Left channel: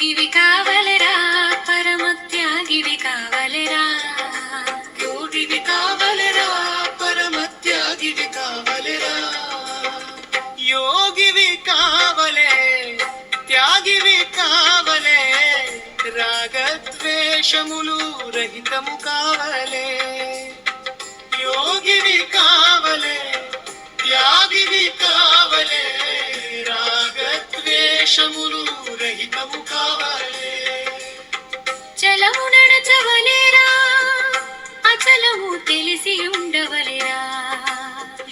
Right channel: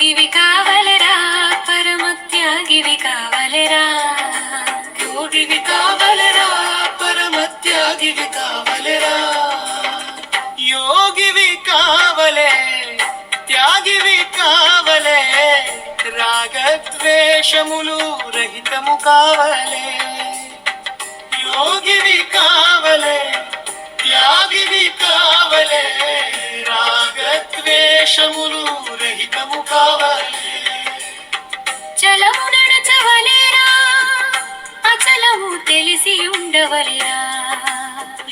యోగివి కావలెరా పరమత్యాగివి కావలెరా యోగివి కావలెరా పరమత్యాగివి కావలెరా యోగివి కావలే త్యాగివి కావలే రాగద్వేషములు రహితము కావలే యోగివి కావలే త్యాగివి కావలే రాగద్వేషములు రహితము కావలే చలము నడచవలేరా అచలము తెలిసి ఉండవలేరా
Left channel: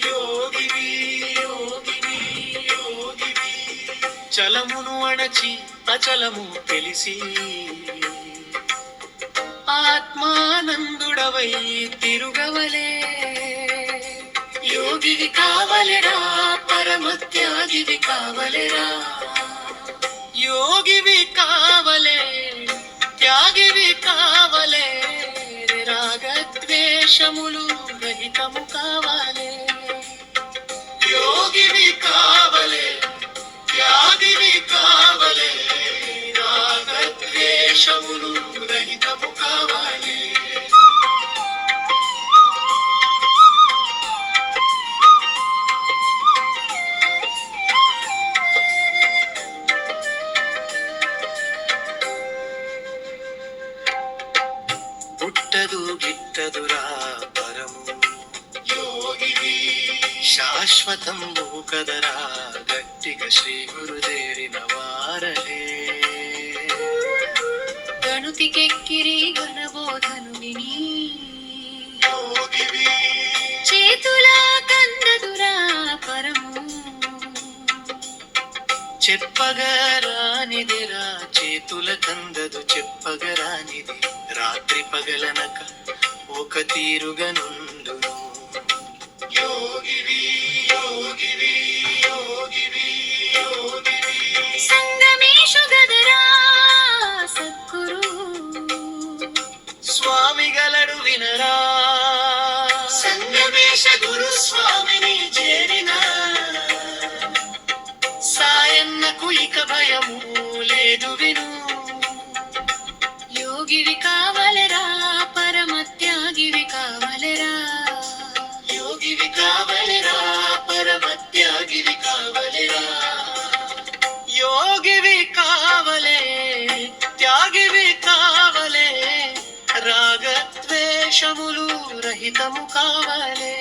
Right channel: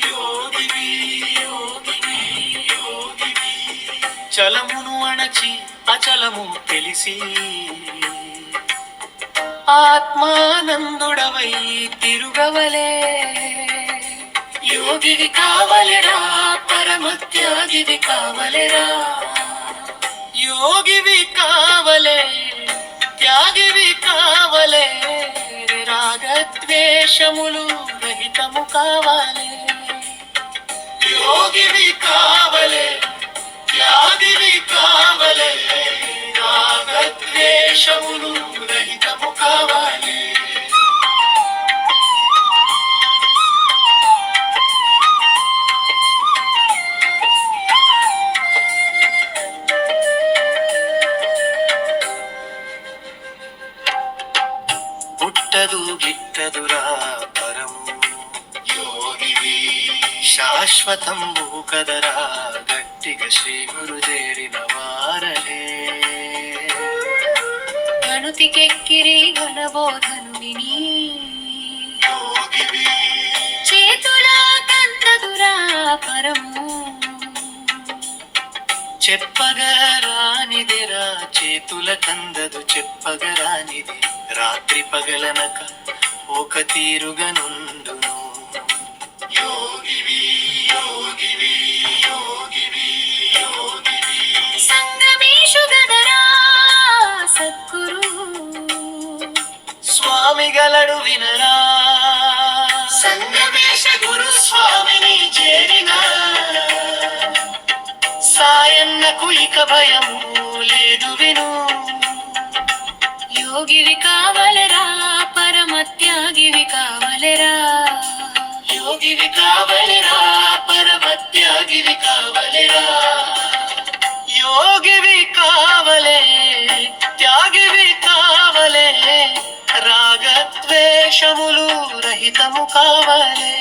యోగివి యోగివి యోగివి చలమును అణచి అచలము తెలిసి ఆత్మానందుడవై తిరుగవలే యోగివి కావలెరా పరమత్యాగివి కావలెరా యోగివి కావలే త్యాగివి కావలే రాగద్వేషములు రహితము కావలే యోగివి కావలే త్యాగివి కావలే రాగద్వేషములు రహితము కావలే పుట్టదు గిట్టదురా పరము యోగివి శాశ్వతంబు కదరా గట్టిగా శ్రీ గురు చేరిన వారలే గణుతికెక్కిరి గణబోధను విని యోగివి చేతులా కందదురా పరము చెప్పగరానిదిరా చేతుల కందదు చెప్పగరానిది రాత్రి పగలనక ఒక తీరుగనుండును యోగివి యోగివి యోగివి యోగివి సంగమేషు గదరా సద్గురు స్వామి గలడు వినరా సంగమేశ గురు స్వామిని చేరిన సాయన్నకు ఇక భయము లేదు విను యోగివి కావలెరా పరమత్యాగివి కావలెరా యోగివి కావలెరా పరమత్యాగివి కావలెరా యోగివి కావలే త్యాగివి కావలే రాగద్వేషములు రహితము కావలే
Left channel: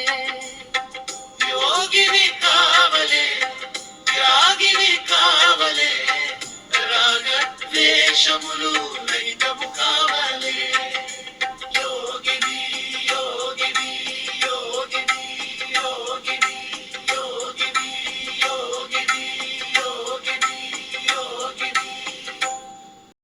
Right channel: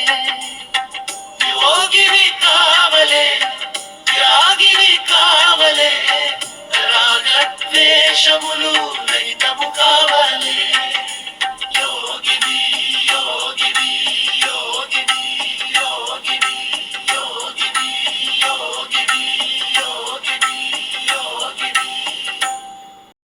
యోగివి కావలే త్యాగివి కావలే రాగద్వేషములు రహితము కావలే